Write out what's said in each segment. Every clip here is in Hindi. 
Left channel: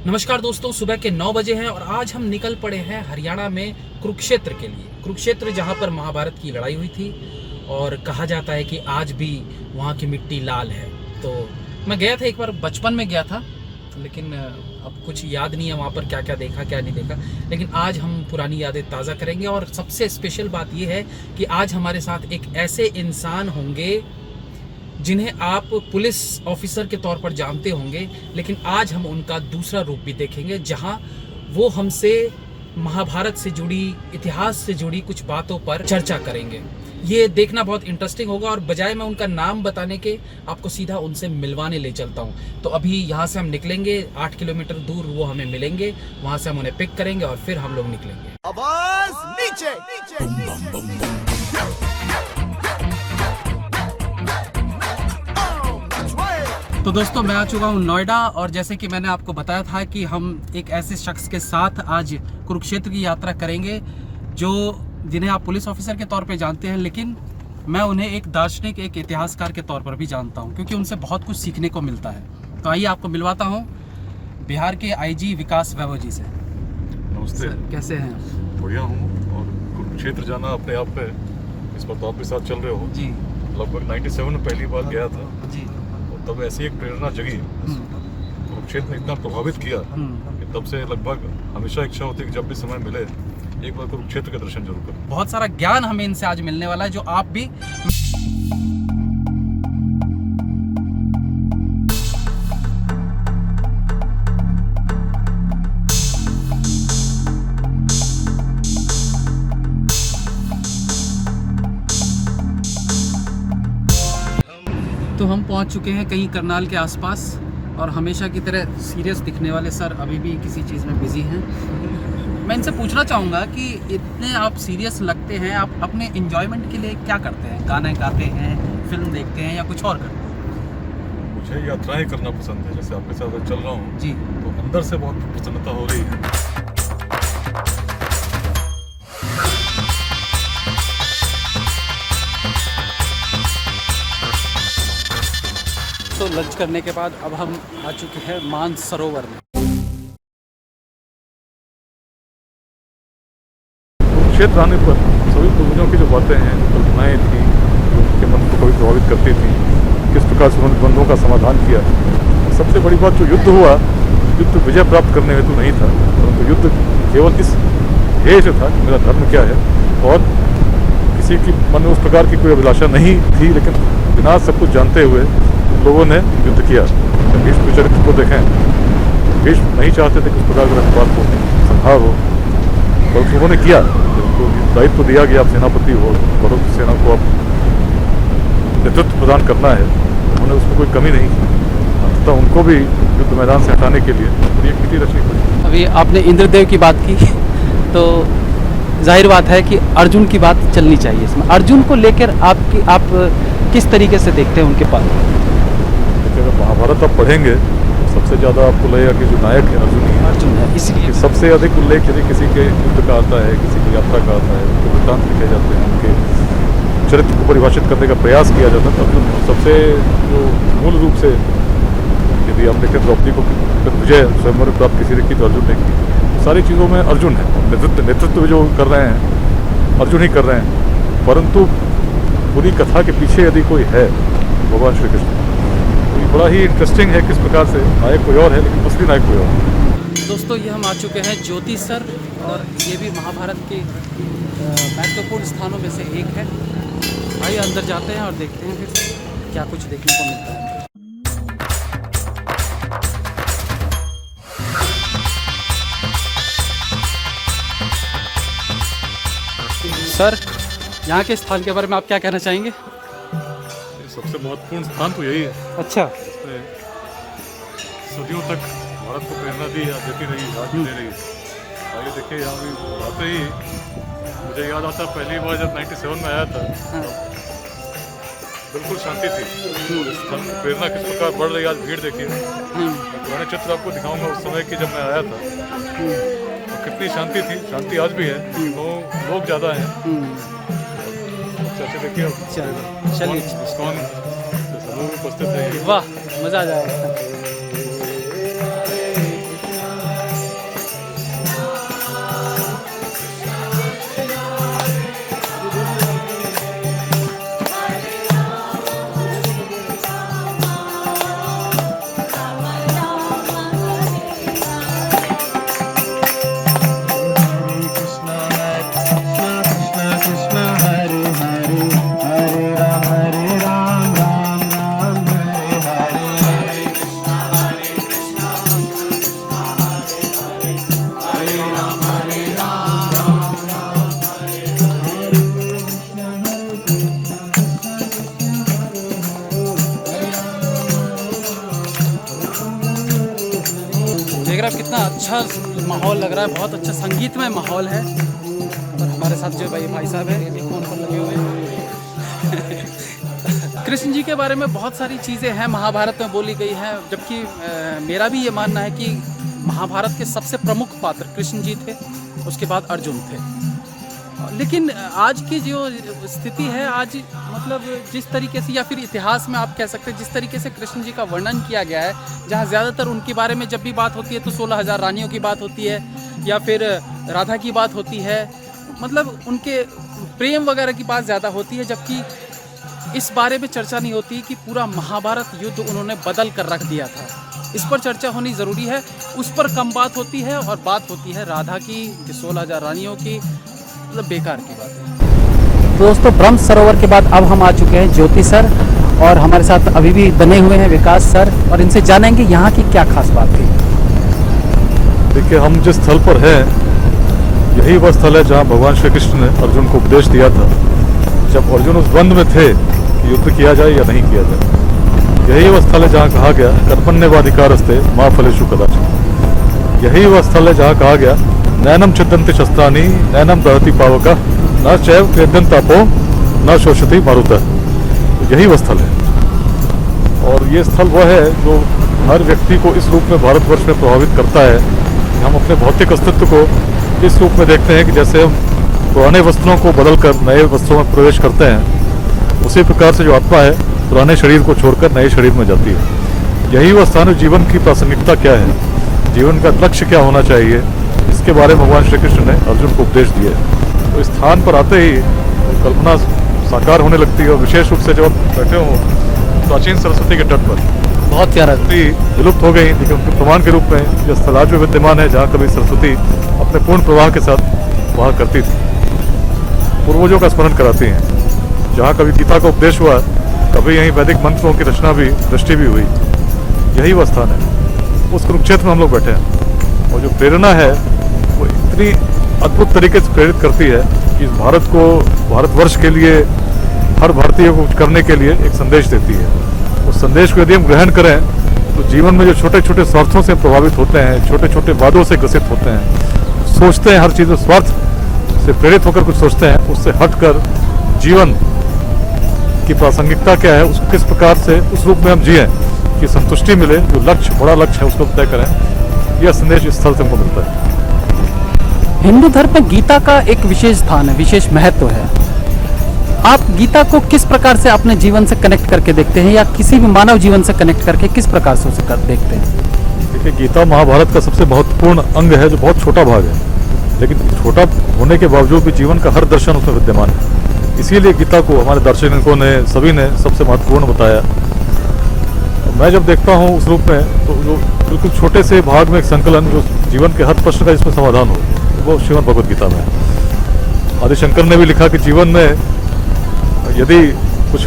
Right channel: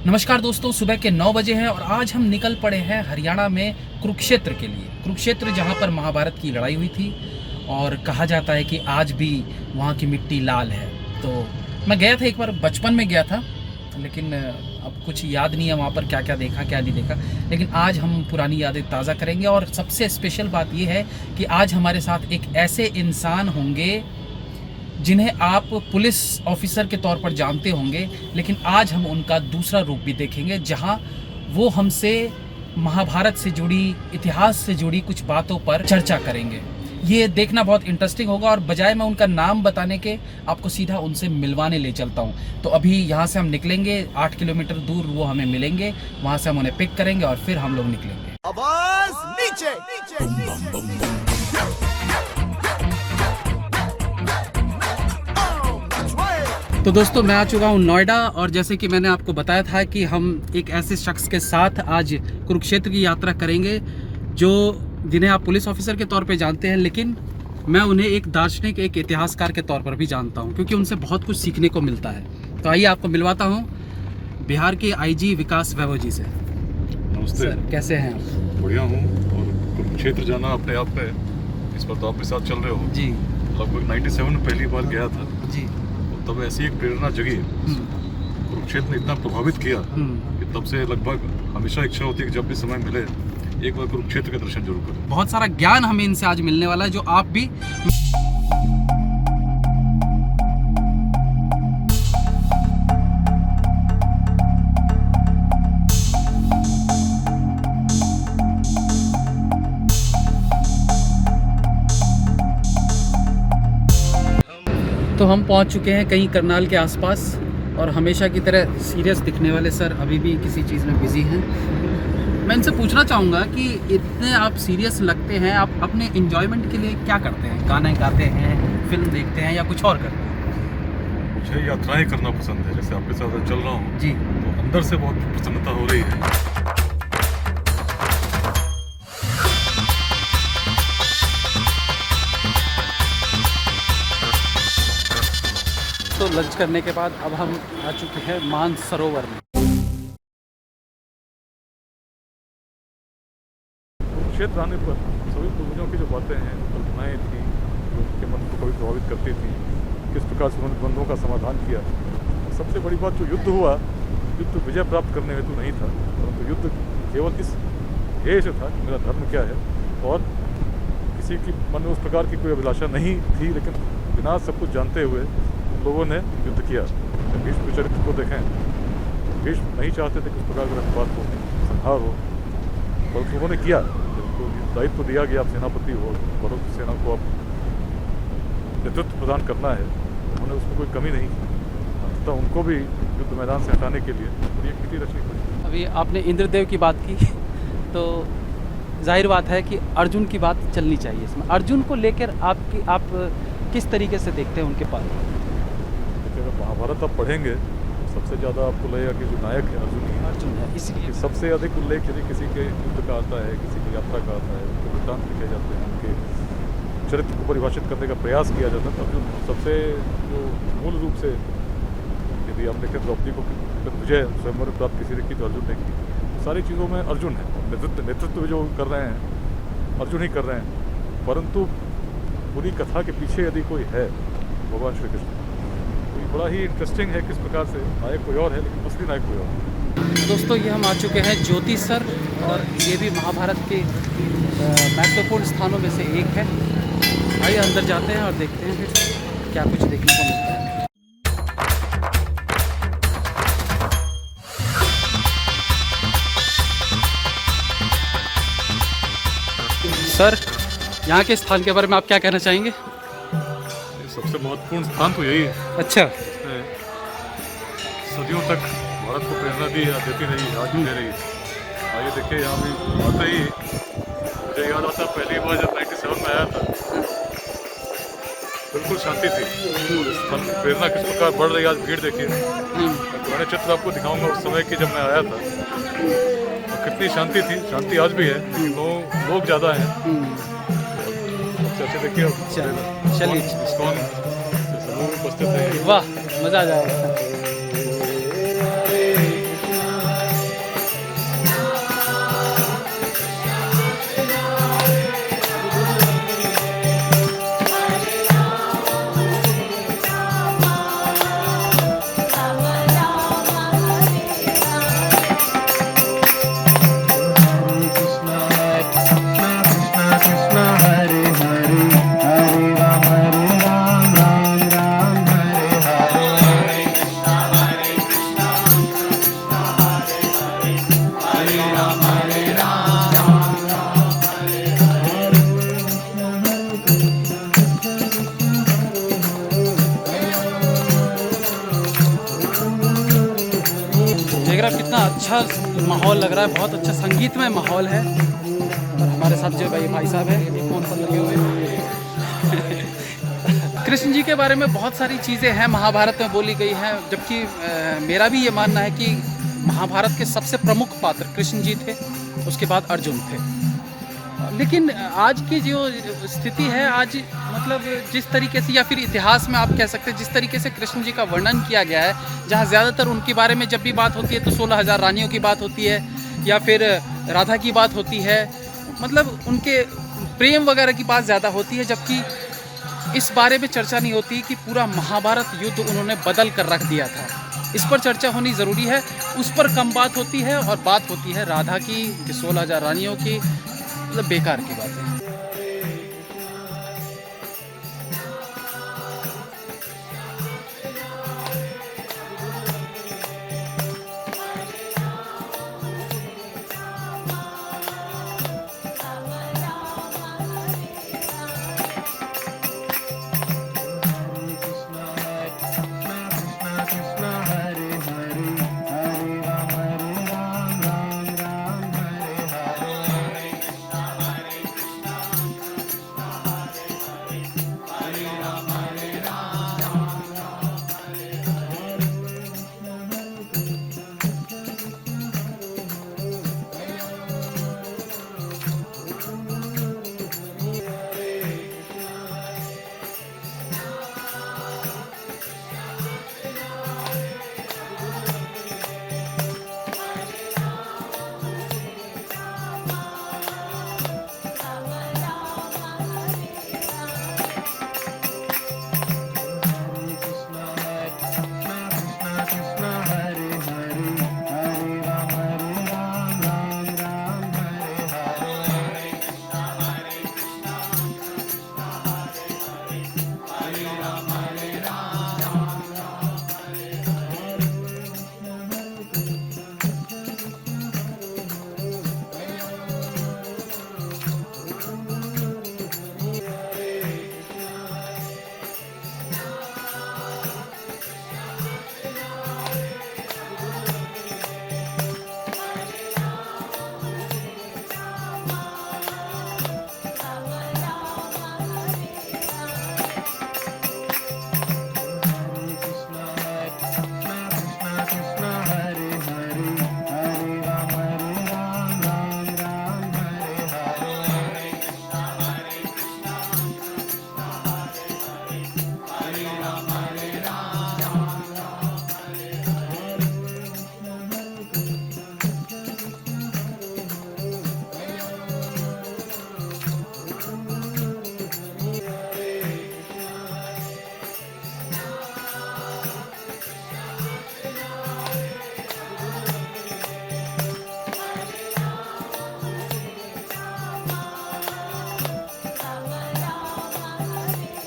नमस्कार दोस्तों, सुबह के 9 बजे हैं और आज हम निकल पड़े हैं हरियाणा में कुरुक्षेत्र के लिए। कुरुक्षेत्र जहां पर महाभारत की लड़ाई हुई थी और कहा जाता है कि आज भी वहां की मिट्टी लाल है। तो मैं गया था, एक बार बचपन में गया था, लेकिन अब कुछ याद नहीं है वहाँ पर क्या क्या देखा क्या नहीं देखा। लेकिन आज हम पुरानी यादें ताज़ा करेंगे और सबसे स्पेशल बात यह है कि आज हमारे साथ एक ऐसे इंसान होंगे जिन्हें आप पुलिस ऑफिसर के तौर पर जानते होंगे, लेकिन आज हम उनका दूसरा रूप भी देखेंगे जहां वो हमसे महाभारत से जुड़ी, इतिहास से जुड़ी कुछ बातों पर चर्चा करेंगे। ये देखना बहुत इंटरेस्टिंग होगा और बजाय मैं उनका नाम बताने के आपको सीधा उनसे मिलवाने ले चलता हूँ। तो अभी यहाँ से हम निकलेंगे, 8 किलोमीटर दूर वो हमें मिलेंगे, वहाँ से हम उन्हें पिक करेंगे और फिर हम लोग निकलेंगे। आवाज नीचे, नीचे, नीचे। तो दोस्तों, मैं आ चुका हूँ नोएडा और जैसे कि मैंने आपको बताया था कि हम एक ऐसे शख्स के साथ आज कुरुक्षेत्र की यात्रा करेंगे जिन्हें आप पुलिस ऑफिसर के तौर पे जानते हैं, लेकिन मैं उन्हें एक दार्शनिक, एक इतिहासकार के तौर पर भी जानता हूँ क्योंकि उनसे बहुत कुछ सीखने को मिलता है। तो आइए आपको मिलवाता हूँ बिहार के आईजी विकास वैभव जी से। नमस्ते सर, कैसे हैं? बढ़िया हूँ। और कुरुक्षेत्र जाना अपने आप पे, इस पर तो आप मेरे साथ चल रहे हो जी। लगभग 97 में पहली बार गया था जी। तब ऐसी एक प्रेरणा जगी, कुरुक्षेत्र ने इतना प्रभावित किया कि तब से लगभग हमेशा इच्छा होती है कि जब भी समय मिले एक बार कुरुक्षेत्र के दर्शन जरूर करें। बहुत सारा ज्ञान हमें इनसे आज मिलने वाला है जो आप भी तो हम पहुंच चुके हैं कहीं करनाल के आसपास और हमेशा की तरह सीरियस दिखने वाले सर अभी भी किसी चीज़ में बिजी हैं। मैं इनसे पूछना चाहूँगा कि इतने आप सीरियस लगते हैं, आप अपने एंजॉयमेंट के लिए क्या करते हैं? गाने गाते हैं, फिल्म देखते हैं या कुछ और करते हैं? मुझे यात्राएं करना पसंद है, जैसे आपके साथ चल रहा हूँ जी। तो अंदर से बहुत प्रसन्नता हो रही है। तो लंच करने के बाद अब हम आ चुके हैं मानसरोवर में। कुरुक्षेत्र आने पर सभी पूर्वजों की जो बातें हैं, कल्पनाएं थी, जो उनके मन को कभी प्रभावित करती थी, किस प्रकार से उन्होंने द्वंद्वों का समाधान किया। सबसे बड़ी बात, जो युद्ध हुआ, युद्ध विजय प्राप्त करने हेतु नहीं था, परंतु युद्ध केवल इस ध्येय से था कि मेरा धर्म क्या है, और किसी की मन में उस प्रकार की कोई अभिलाषा नहीं थी, लेकिन बिना सब कुछ जानते हुए लोगों ने युद्ध किया। भीष्म के चरित्र को देखें, भीष्म नहीं चाहते थे कि उस प्रकार का रक्तपात हो, संहार हो, पर उन्होंने किया। उनको दायित्व दिया गया, आप सेनापति हो, बहुत सेना को आप नेतृत्व प्रदान करना है, उन्होंने उसमें कोई कमी नहीं की। अंततः उनको भी युद्ध मैदान से हटाने के लिए पूरी एक नीति रचनी पड़ी। अभी आपने इंद्रदेव की बात की तो जाहिर बात है कि अर्जुन की बात चलनी चाहिए इसमें। अर्जुन को लेकर आप किस तरीके से देखते हैं उनके पास? अगर महाभारत आप पढ़ेंगे तो सबसे ज़्यादा आपको लगेगा कि जो नायक है अर्जुन ही है। अर्जुन है, इसलिए सबसे अधिक उल्लेख यदि किसी के युद्ध का आता है, किसी की यात्रा का आता है, उनके वृत्तांत लिखे जाते हैं, उनके चरित्र को परिभाषित करने का प्रयास किया जाता है, तो अर्जुन सबसे जो मूल रूप से, यदि आप देखें द्रौपदी को विजय स्वयंवर प्राप्त किसी ने की तो अर्जुन ने की। तो सारी चीज़ों में अर्जुन है। नेतृत्व जो कर रहे हैं अर्जुन ही कर रहे हैं, परंतु पूरी कथा के पीछे यदि कोई है भगवान श्री कृष्ण, तो ये बड़ा ही इंटरेस्टिंग है किस प्रकार से नायक कोई और है लेकिन असली नायक कोई और है। दोस्तों, ये हम आ चुके हैं ज्योति सर और ये भी महाभारत के महत्वपूर्ण स्थानों में से एक है। आइए अंदर जाते हैं और देखते हैं फिर क्या कुछ देखने को मिलता है। सर, यहाँ के स्थान के बारे में आप क्या कहना चाहेंगे? सबसे महत्वपूर्ण स्थान तो यही है। अच्छा। इसने सदियों तक भारत को प्रेरणा दी है, देती रही, आज भी दे रही है। आइए देखिए, यहाँ भी बात ही मुझे याद आता है पहली बार जब 97 में आया था, बिल्कुल शांति थी। और इस स्थल की प्रेरणा किस प्रकार बढ़ रही है, आज भीड़ देखिए। मैं पुराने चित्र आपको दिखाऊंगा उस समय की जब मैं आया था, और कितनी शांति थी। शांति आज भी है, लेकिन लोग ज़्यादा हैं। अच्छा देखिए, चलिए, वाह, मज़ा आ जाएगा। साहब कितना अच्छा माहौल लग रहा है, बहुत अच्छा संगीतमय माहौल है। और हमारे साथ जो भाई साहब हैं ये फ़ोन पर लगे हुए हैं। कृष्ण जी के बारे में बहुत सारी चीज़ें हैं महाभारत में बोली गई हैं, जबकि मेरा भी ये मानना है कि महाभारत के सबसे प्रमुख पात्र कृष्ण जी थे, उसके बाद अर्जुन थे। लेकिन आज की जो स्थिति है, आज मतलब जिस तरीके से, या फिर इतिहास में आप कह सकते हैं जिस तरीके से कृष्ण जी का वर्णन किया गया है, जहाँ ज़्यादातर उनके बारे में जब भी बात होती है तो 16,000 रानियों की बात होती है या फिर राधा की बात होती है, मतलब उनके प्रेम वगैरह की बात ज़्यादा होती है, जबकि इस बारे में चर्चा नहीं होती कि पूरा महाभारत युद्ध उन्होंने बदल कर रख दिया था। इस पर चर्चा होनी ज़रूरी है, उस पर कम बात होती है और बात होती है राधा की, 16,000 रानियों की, मतलब बेकार की बात है। दोस्तों, ब्रह्म सरोवर के बाद अब हम आ चुके हैं ज्योति सर, और हमारे साथ अभी भी बने हुए हैं विकास सर, और इनसे जानेंगे यहाँ की क्या खास बात है। देखिए, हम जिस स्थल पर हैं यही वह स्थल है जहाँ भगवान श्री कृष्ण ने अर्जुन को उपदेश दिया था, जब अर्जुन उस द्वंद्व में थे कि युद्ध किया जाए या नहीं किया जाए। यही वह स्थल है जहाँ कहा गया कर्मण्येवाधिकारस्ते मा फलेषु कदाचन। यही वह स्थल है जहाँ कहा गया नैनम छिद्यन्ति शस्त्राणि नैनम दहति पावका न चैव क्लेद्यन्तापो न शोषति मारुतः। यही वह स्थल है, और ये स्थल वह है जो हर व्यक्ति को इस रूप में भारतवर्ष में प्रभावित करता है कि हम अपने भौतिक अस्तित्व को इस रूप में देखते हैं कि जैसे हम पुराने वस्त्रों को बदलकर नए वस्त्रों में प्रवेश करते हैं, उसी प्रकार से जो आत्मा है पुराने शरीर को छोड़कर नए शरीर में जाती है। यही वह स्थान है। जीवन की प्रासंगिकता क्या है, जीवन का लक्ष्य क्या होना चाहिए, इसके बारे में भगवान श्री कृष्ण ने अर्जुन को उपदेश दिए। तो इस स्थान पर आते ही कल्पना साकार होने लगती है, और विशेष रूप से जब आप बैठे हो प्राचीन सरस्वती के तट पर, बहुत प्यारा। विलुप्त हो गई, लेकिन उनके प्रमाण के रूप में यह स्थल आज भी विद्यमान है जहाँ कभी सरस्वती अपने पूर्ण प्रवाह के साथ वहाँ करती थी, पूर्वजों का स्मरण कराती हैं। जहाँ कभी गीता का उपदेश हुआ, कभी यहीं वैदिक मंत्रों की रचना भी, दृष्टि भी हुई। यही वह स्थान है। उस कुरुक्षेत्र में हम लोग बैठे हैं, और जो प्रेरणा है वो इतनी अद्भुत तरीके से प्रेरित करती है कि भारत को, भारतवर्ष के लिए, हर भारतीय को करने के लिए एक संदेश देती है। उस संदेश को यदि हम ग्रहण करें तो जीवन में जो छोटे छोटे स्वार्थों से प्रभावित होते हैं, छोटे छोटे वादों से ग्रसित होते हैं, सोचते हैं हर चीज़ में स्वार्थ से प्रेरित होकर कुछ सोचते हैं, उससे हटकर जीवन की प्रासंगिकता क्या है, उस किस प्रकार से उस रूप में हम जिए कि संतुष्टि मिले, जो लक्ष्य, बड़ा लक्ष्य है उसको तय करें, यह संदेश इस स्थल से हमको मिलता है। हिंदू धर्म में गीता का एक विशेष स्थान है, विशेष महत्व है। आप गीता को किस प्रकार से अपने जीवन से कनेक्ट करके देखते हैं, या किसी भी मानव जीवन से कनेक्ट करके किस प्रकार से उसे देखते हैं? देखिए, गीता महाभारत का सबसे महत्वपूर्ण अंग है, जो बहुत छोटा भाग है, लेकिन छोटा होने के बावजूद भी जीवन का हर दर्शन उसमें विद्यमान है। इसीलिए गीता को हमारे दार्शनिकों ने, सभी ने सबसे महत्वपूर्ण बताया। मैं जब देखता हूँ उस रूप में, तो जो बिल्कुल छोटे से भाग में एक संकलन, जो जीवन के हर प्रश्न का इसमें समाधान हो, वो श्रीमद् भगवद गीता में है। आदिशंकर ने भी लिखा कि जीवन में यदि कुछ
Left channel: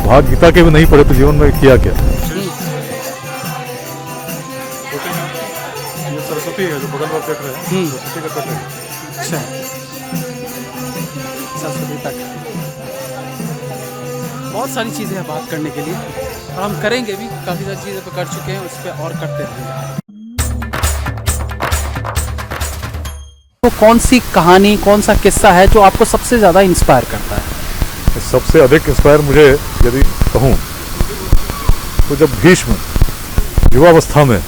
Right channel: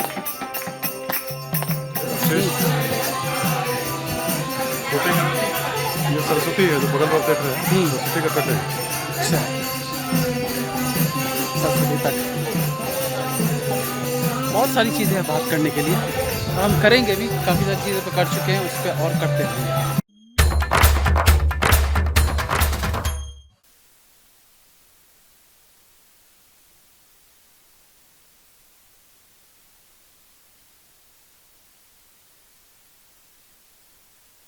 भाग गीता के भी नहीं पढ़े तो जीवन में किया क्या। ये सरस्वती है जो बगल में देख रहे हैं, सरस्वती का तट है। अच्छा, सरस्वती तट। बहुत सारी चीज़ें हैं बात करने के लिए, और हम करेंगे भी, काफ़ी सारी चीज़ें पे कर चुके हैं, उस पर और करते रहेंगे। तो कौन सी कहानी, कौन सा किस्सा है जो आपको सबसे ज़्यादा इंस्पायर करता है? सबसे अधिक इंस्पायर मुझे यदि कहूँ तो जब भीष्म युवावस्था में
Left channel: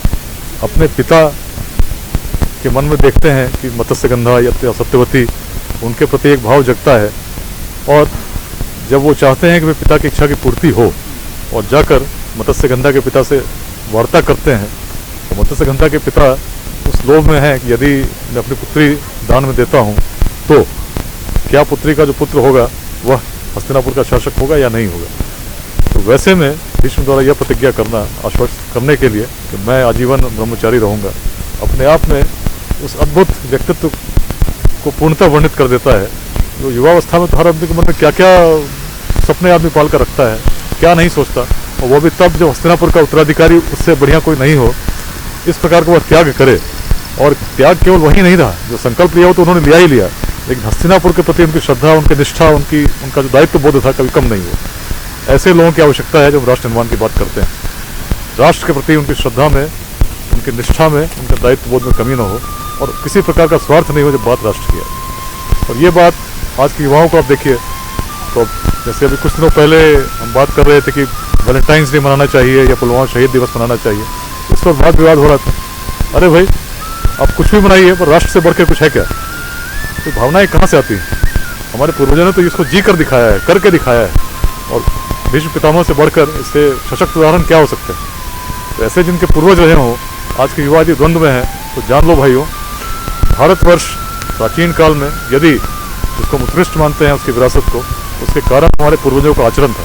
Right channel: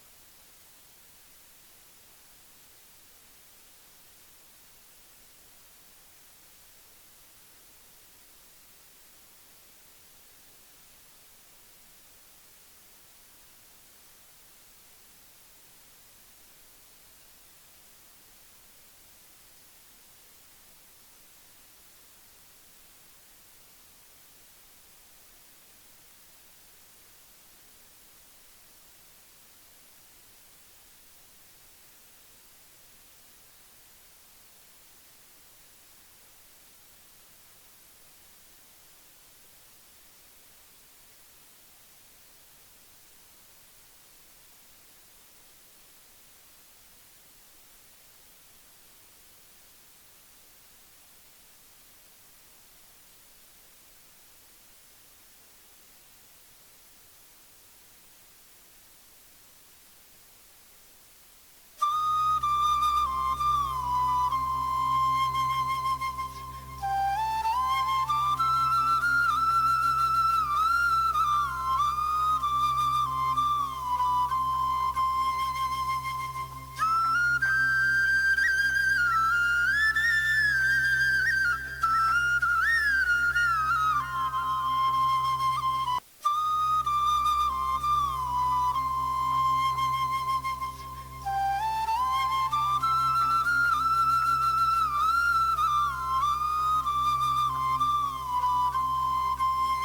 अपने पिता के मन में देखते हैं कि मत्स्यगंधा या सत्यवती, उनके प्रति एक भाव जगता है, और जब वो चाहते हैं कि वे पिता की इच्छा की पूर्ति हो, और जाकर मत्स्यगंधा के पिता से वार्ता करते हैं, तो मत्स्यगंधा के पिता उस लोभ में है कि यदि मैं अपनी पुत्री दान में देता हूँ तो क्या पुत्री का जो पुत्र होगा वह हस्तिनापुर का शासक होगा या नहीं होगा। तो वैसे में भीष्म द्वारा यह प्रतिज्ञा करना, आश्वस्त करने के लिए कि मैं आजीवन ब्रह्मचारी रहूँगा, अपने आप में उस अद्भुत व्यक्तित्व को पूर्णतः वर्णित कर देता है। जो युवावस्था में तो हर आदमी के मन में क्या क्या सपने आदमी पाल कर रखता है, क्या नहीं सोचता, और वो भी तब जब हस्तिनापुर का उत्तराधिकारी उससे बढ़िया कोई नहीं हो, इस प्रकार का वह त्याग करे। और त्याग केवल वही नहीं रहा, जो संकल्प लिया हो तो उन्होंने लिया ही लिया, लेकिन हस्तिनापुर के प्रति उनकी श्रद्धा, उनकी निष्ठा, उनका जो दायित्व बोध था कभी कम नहीं हुआ। ऐसे लोगों की आवश्यकता है जब राष्ट्र निर्माण की बात करते हैं। राष्ट्र के प्रति उनकी श्रद्धा में उनकी निष्ठा में, उनके दायित्व बोध में कमी न हो और किसी प्रकार का स्वार्थ नहीं हो जब बात राष्ट्र की है। और ये बात आज के युवाओं को आप देखिए, तो अब जैसे अभी कुछ दिनों पहले हम बात कर रहे थे कि वैलेंटाइंस डे मनाना चाहिए या पुलवामा शहीद दिवस मनाना चाहिए, इस पर वाद विवाद हो रहा था। अरे भाई, आप कुछ भी मनाइए पर राष्ट्र से बढ़ के कुछ है क्या? तो भावनाएं कहाँ से आती हैं? हमारे पूर्वजों ने तो इसको जी कर दिखाया है, करके दिखाया है, और भीष्म पितामह से बढ़कर इससे सशक्त उदाहरण क्या हो सकते हैं? तो ऐसे जिनके पूर्वज रहे हों, आज के युवा यदि द्वंद्व में है तो जान लो भाइयों, भारतवर्ष प्राचीन काल में यदि जिसको हम उत्कृष्ट मानते हैं उसकी विरासत को, उसके कारण हमारे पूर्वजों का आचरण था,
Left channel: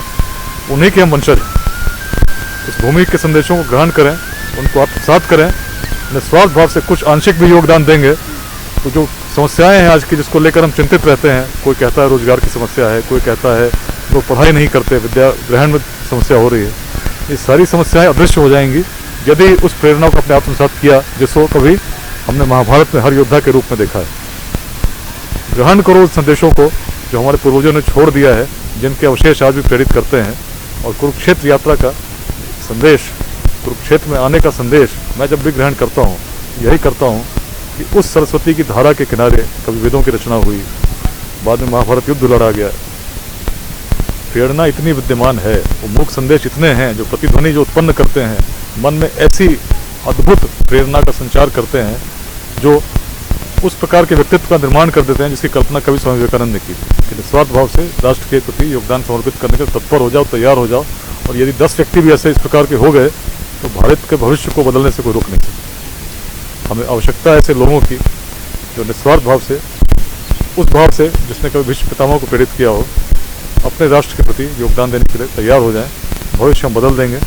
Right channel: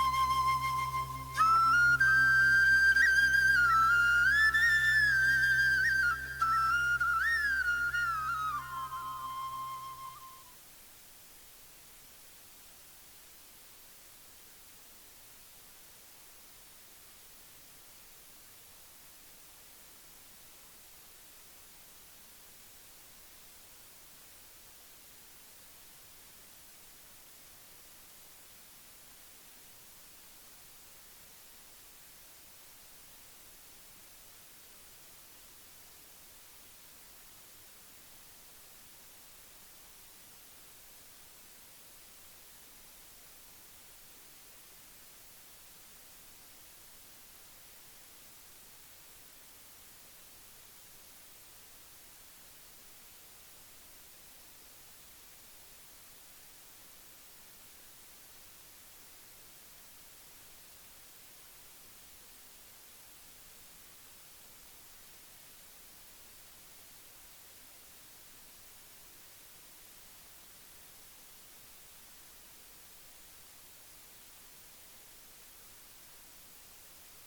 उन्हीं के हम वंशज हैं। इस भूमि के संदेशों को ग्रहण करें, उनको आत्मसात करें, निस्वार्थ भाव से कुछ आंशिक भी योगदान देंगे तो जो समस्याएं हैं आज की जिसको लेकर हम चिंतित रहते हैं, कोई कहता है रोजगार की समस्या है, कोई कहता है लोग पढ़ाई नहीं करते, विद्या ग्रहण में समस्या हो रही है, ये सारी समस्याएं अदृश्य हो जाएंगी यदि उस प्रेरणा को अपने आत्मसात किया जिसको कभी हमने महाभारत में हर योद्धा के रूप में देखा है। ग्रहण करो उस संदेशों को जो हमारे पूर्वजों ने छोड़ दिया है, जिनके अवशेष आज भी प्रेरित करते हैं। और कुरुक्षेत्र यात्रा का संदेश, कुरुक्षेत्र में आने का संदेश मैं जब भी ग्रहण करता हूँ, यही करता हूँ कि उस सरस्वती की धारा के किनारे कभी वेदों की रचना हुई, बाद में महाभारत युद्ध लड़ा गया। प्रेरणा इतनी विद्यमान है, वो मूक संदेश इतने हैं जो प्रतिध्वनि जो उत्पन्न करते हैं, मन में ऐसी अद्भुत प्रेरणा का संचार करते हैं जो उस प्रकार के व्यक्तित्व का निर्माण कर देते हैं जिसकी कल्पना कभी स्वामी विवेकानंद ने की थी। निस्वार्थ भाव से राष्ट्र के प्रति योगदान समर्पित करने के तत्पर हो जाओ, तैयार हो जाओ, और यदि 10 व्यक्ति भी ऐसे इस प्रकार के हो गए तो भारत के भविष्य को बदलने से कोई रोक नहीं सकता। हमें आवश्यकता है ऐसे लोगों की जो निस्वार्थ भाव से, उस भाव से जिसने कभी भीष्म पितामह को प्रेरित किया हो, अपने राष्ट्र के प्रति योगदान देने के लिए तैयार हो जाएं। भविष्य हम बदल देंगे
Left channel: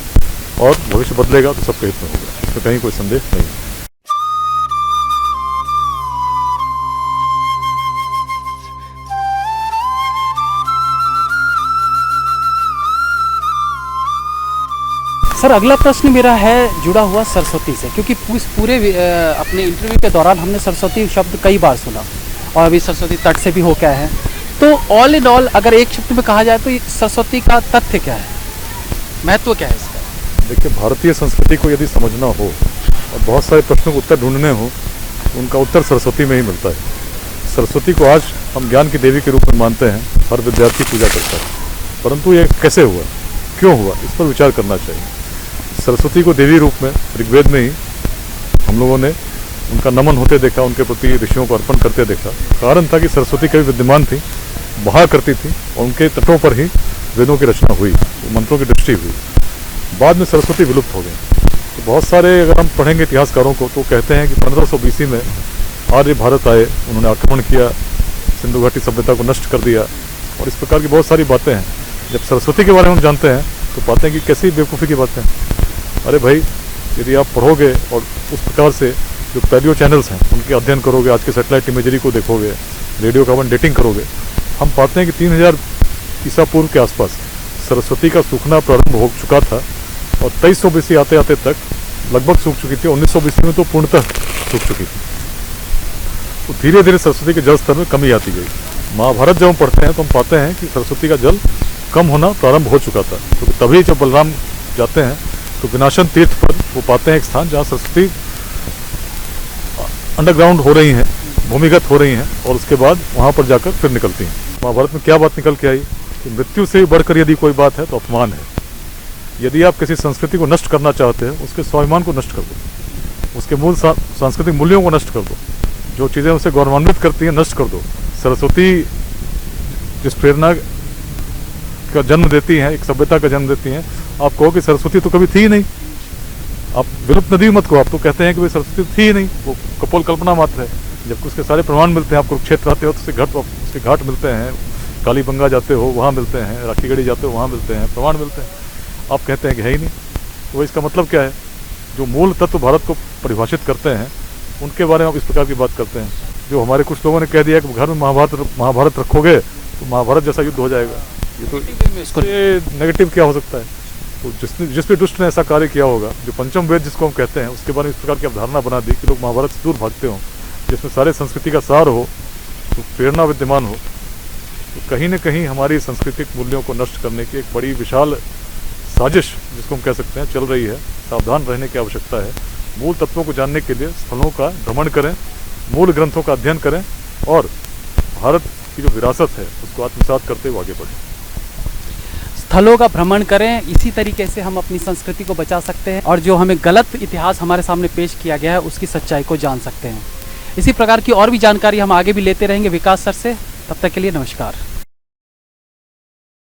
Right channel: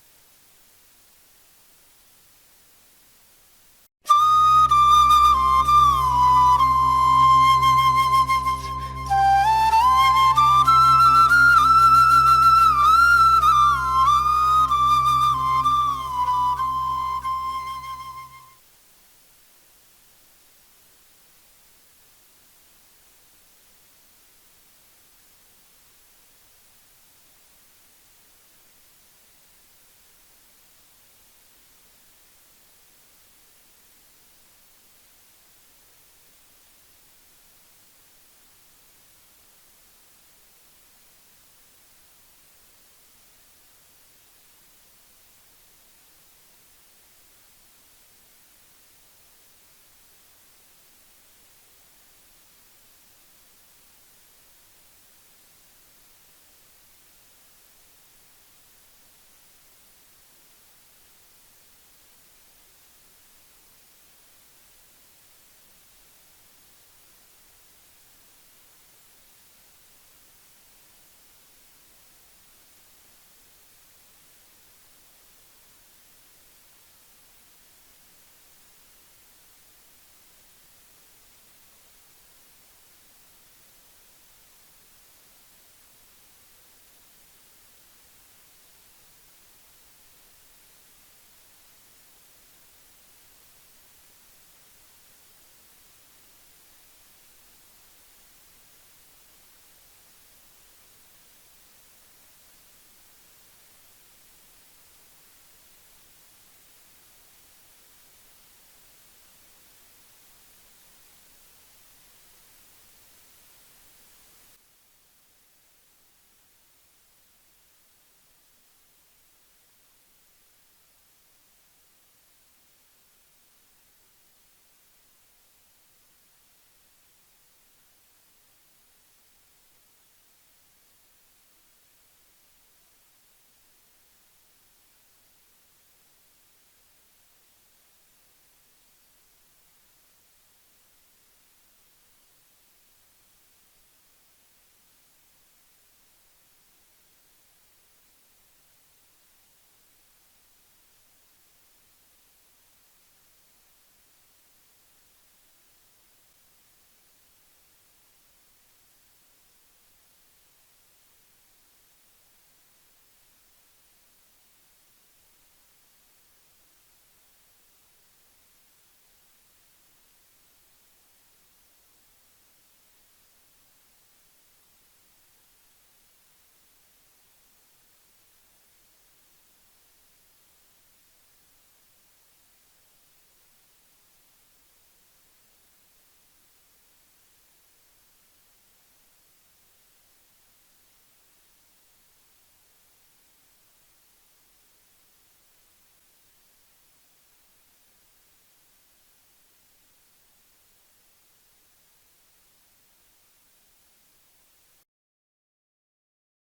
और भविष्य बदलेगा तो सबके हित में होगा, इसमें कहीं कोई संदेह नहीं है। सर, अगला प्रश्न मेरा है जुड़ा हुआ सरस्वती से, क्योंकि पूरे अपने इंटरव्यू के दौरान हमने सरस्वती शब्द कई बार सुना और अभी सरस्वती तट से भी होकर आए हैं। तो ऑल इन ऑल अगर एक शब्द में कहा जाए तो सरस्वती का तथ्य क्या है, महत्व क्या है इसका? देखिए, भारतीय संस्कृति को यदि समझना हो और बहुत सारे प्रश्नों को उत्तर ढूंढने हो तो उनका उत्तर सरस्वती में ही मिलता है। सरस्वती को आज हम ज्ञान की देवी के रूप में मानते हैं, हर विद्यार्थी पूजा करता है, परंतु ये कैसे हुआ, क्यों हुआ, इस पर विचार करना चाहिए। सरस्वती को देवी रूप में ऋग्वेद में ही हम लोगों ने उनका नमन होते देखा, उनके प्रति ऋषियों को अर्पण करते देखा। कारण था कि सरस्वती कभी विद्यमान थी, बहा करती थी और उनके तटों पर ही वेदों की रचना हुई, मंत्रों की दृष्टि हुई। बाद में सरस्वती विलुप्त हो गई। तो बहुत सारे अगर हम पढ़ेंगे इतिहासकारों को तो कहते हैं कि 1500 BC में आर्य भारत आए, उन्होंने आक्रमण किया, सिंधु घाटी सभ्यता को नष्ट कर दिया और इस प्रकार की बहुत सारी बातें हैं। जब सरस्वती के बारे में हम जानते हैं तो पाते हैं कि कैसी बेवकूफ़ी की बातें हैं। अरे भाई, यदि आप पढ़ोगे और उस प्रकार से जो पैलियो चैनल्स हैं उनके अध्ययन करोगे, आज के सैटेलाइट इमेजरी को देखोगे, रेडियो कार्बन डेटिंग करोगे, हम पाते हैं कि 3000 ईसा पूर्व के आसपास सरस्वती का सूखना प्रारंभ हो चुका था और 2300 BC आते आते तक लगभग सूख चुकी थी। 1900 BC में तो पूर्णतः सूख चुकी थी। तो धीरे धीरे सरस्वती के जल स्तर में कमी आती गई। महाभारत जब हम पढ़ते हैं तो हम पाते हैं कि सरस्वती का जल कम होना प्रारंभ हो चुका था। तो तभी जब बलराम जाते हैं तो विनाशन तीर्थ पर वो पाते हैं एक स्थान जहाँ सरस्वती अंडरग्राउंड हो रही हैं, भूमिगत हो रही हैं और उसके बाद वहाँ पर जाकर फिर निकलती हैं। महाभारत में क्या बात निकल के आई कि मृत्यु से बढ़कर यदि कोई बात है तो अपमान है। यदि आप किसी संस्कृति को नष्ट करना चाहते हैं, उसके स्वाभिमान को नष्ट कर दो, उसके मूल सांस्कृतिक मूल्यों को नष्ट कर दो, जो चीज़ें उसे गौरवान्वित करती हैं नष्ट कर दो। सरस्वती जिस प्रेरणा का जन्म देती हैं, एक सभ्यता का जन्म देती हैं, आप कहो कि सरस्वती तो कभी थी ही नहीं, आप विलुप्त नदी मत को, आप तो कहते हैं कि भाई सरस्वती थी ही नहीं, वो कपोल कल्पना मात्र है। जबकि उसके सारे प्रमाण मिलते हैं। आप कुरुक्षेत्र आते हो तो उसके घाट मिलते हैं, कालीबंगा जाते हो वहाँ मिलते हैं, राखीगढ़ी जाते हो वहाँ मिलते हैं, प्रमाण मिलते हैं। आप कहते हैं कि है ही नहीं। तो इसका मतलब क्या है? जो मूल तत्व भारत को परिभाषित करते हैं उनके बारे में आप इस प्रकार की बात करते हैं। जो हमारे कुछ लोगों ने कह दिया कि घर में महाभारत रखोगे तो महाभारत जैसा युद्ध हो जाएगा, ये तो इसको नेगेटिव क्या हो सकता है? तो जिस भी दुष्ट ने ऐसा कार्य किया होगा, जो पंचम वेद जिसको हम कहते हैं, उसके बारे में इस प्रकार की अवधारणा बना दी कि लोग महाभारत से दूर भागते हों, जिसमें सारे संस्कृति का सार हो, तो प्रेरणा विद्यमान हो, तो कहीं न कहीं हमारी सांस्कृतिक मूल्यों को नष्ट करने की एक बड़ी विशाल साजिश जिसको हम कह सकते हैं चल रही है। सावधान रहने की आवश्यकता है। मूल तत्वों को जानने के लिए स्थलों का भ्रमण करें, मूल ग्रंथों का अध्ययन करें और भारत की जो विरासत है उसको आत्मसात करते हुए आगे बढ़ें। स्थलों का भ्रमण करें, इसी तरीके से हम अपनी संस्कृति को बचा सकते हैं और जो हमें गलत इतिहास हमारे सामने पेश किया गया है उसकी सच्चाई को जान सकते हैं। इसी प्रकार की और भी जानकारी हम आगे भी लेते रहेंगे विकास सर से। तब तक के लिए नमस्कार।